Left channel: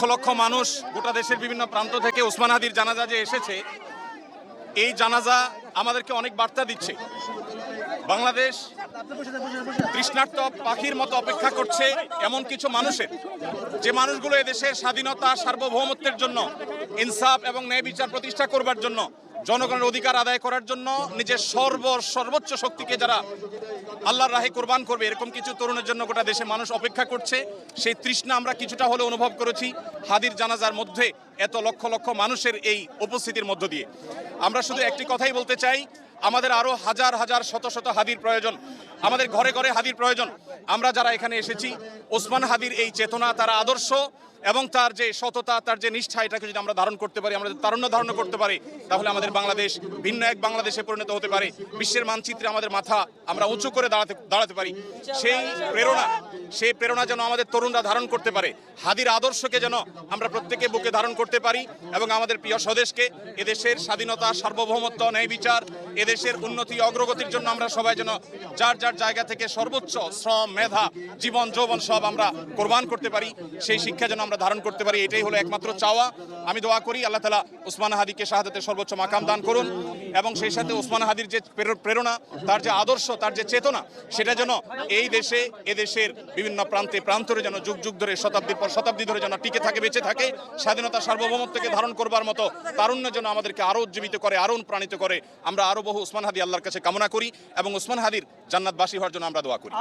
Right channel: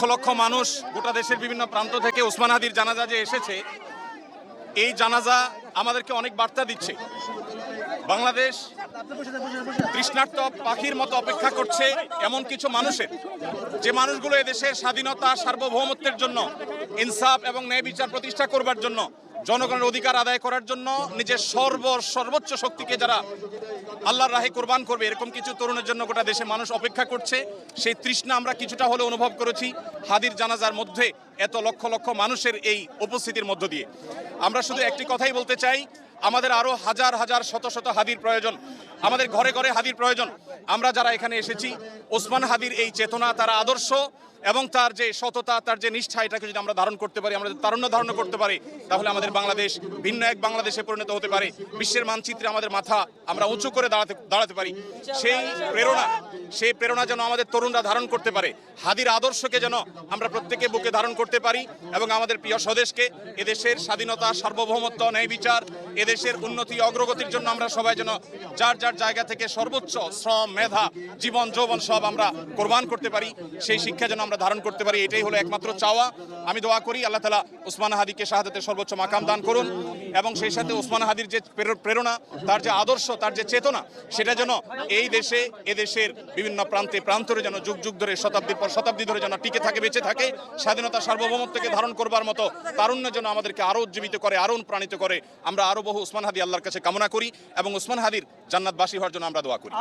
লক্ষ লক্ষ মানুষ গোটা দেশের বিভিন্ন প্রান্ত থেকে ওসমান হাদির জানাজা যে এসেছে, এই জানাজা আমাদেরকে অনেক বার্তা দিচ্ছে। বাংলাদেশ তৃষ্ণার্ত পাখির মতো অপেক্ষা করছে এমন কিছু মানুষের, যে মানুষগুলো এদেশের স্বাধীনতা সার্বভৌমত্বের জন্য, ইনসাফ এবং ন্যায় বিচার প্রতিষ্ঠা করবার জন্য, জনগণের অধিকার আদায় করার জন্য নিজের সর্বোচ্চ শক্তিকে যারা আল্লাহর রাহে কোরবান করবে, এরকম কিছু তরুণের জন্য গোটা দেশে মানুষ অপেক্ষা করছে। সেই তৃষ্ণা আমরা কিছুটা হলে অনুভব করেছি হাদির জানাজার মধ্যে, এত লক্ষ লক্ষ মানুষের এই উপস্থিতির মধ্য দিয়ে। আমরা শুধু একটি কথাই বলতে চাই, আমাদের আরো হাজার হাজার শত শত হাদির প্রয়োজন, আমাদের ঘরে ঘরে হাদির প্রয়োজন। আমরা যারা এখানে এসেছি, ওসমান হাদির এই চেতনা, তার আদর্শ এবং তার যে সততা, তার যে নিষ্ঠা, এটাকে যদি আমরা ধারণ করতে পারি, আমরা যদি তারুণ্য ধারণ করতে পারি, তাহলে আমাদের বাংলাদেশ ভিন্ন এক বাংলাদেশে পরিণত হতে পারে। বিশ্বের মানচিত্রে আমাদের মাথা আমরা উঁচু করে দাঁড়াতে পারি। সেই প্রেরণা যেন আমাদের তরুণরা ধারণ করতে পারে, হাদির আদর্শকে যেন আমরা প্রত্যেকে বুকে ধারণ করতে পারি, এবং আমাদের প্রিয় স্বদেশকে, এদেশের স্বাধীনতা, সার্বভৌমত্ব, ন্যায় বিচার, এদেশের উন্নতি অগ্রগতির জন্য আমরা সবাই যেন যার যার জায়গা থেকে সর্বোচ্চ শ্রম, মেধা, জীবন যৌবন সব আমরা কোরবান করতে পারি। সেই শিক্ষা যেন আমরা ধারণ করতে পারি, এটাই হলো একমাত্র চাওয়া। আমি দোয়া করি আল্লাহ তাআলা ওসমান হাদিকে শাহাদাতের সর্বোচ্চ মাকাম দান করুন, এবং সেই সাথে ওসমান হাদির যে প্রেরণা, তার যে আদর্শ, তার যে চেতনা, সেটা যেন এই দেশে, এদেশের বিভিন্ন প্রান্তে প্রান্তরে যেন যুগ যুগ ধরে, শতাব্দীর পর শতাব্দী ধরে যেন টিকে থাকে, বেঁচে থাকে। স্বাধীনতা সার্বভৌমত্বকে ধারণ করবার মতো তারুণ্য যেন আমাদেরকে আরো উজ্জীবিত করে, আরো অনুপ্রাণিত করে। আমরা আরো বহু ওসমান হাদি আল্লাহর কাছে কামনা করি, এবং ওসমান হাদির জান্নাতবাসী হওয়ার জন্য আমরা দোয়া করি।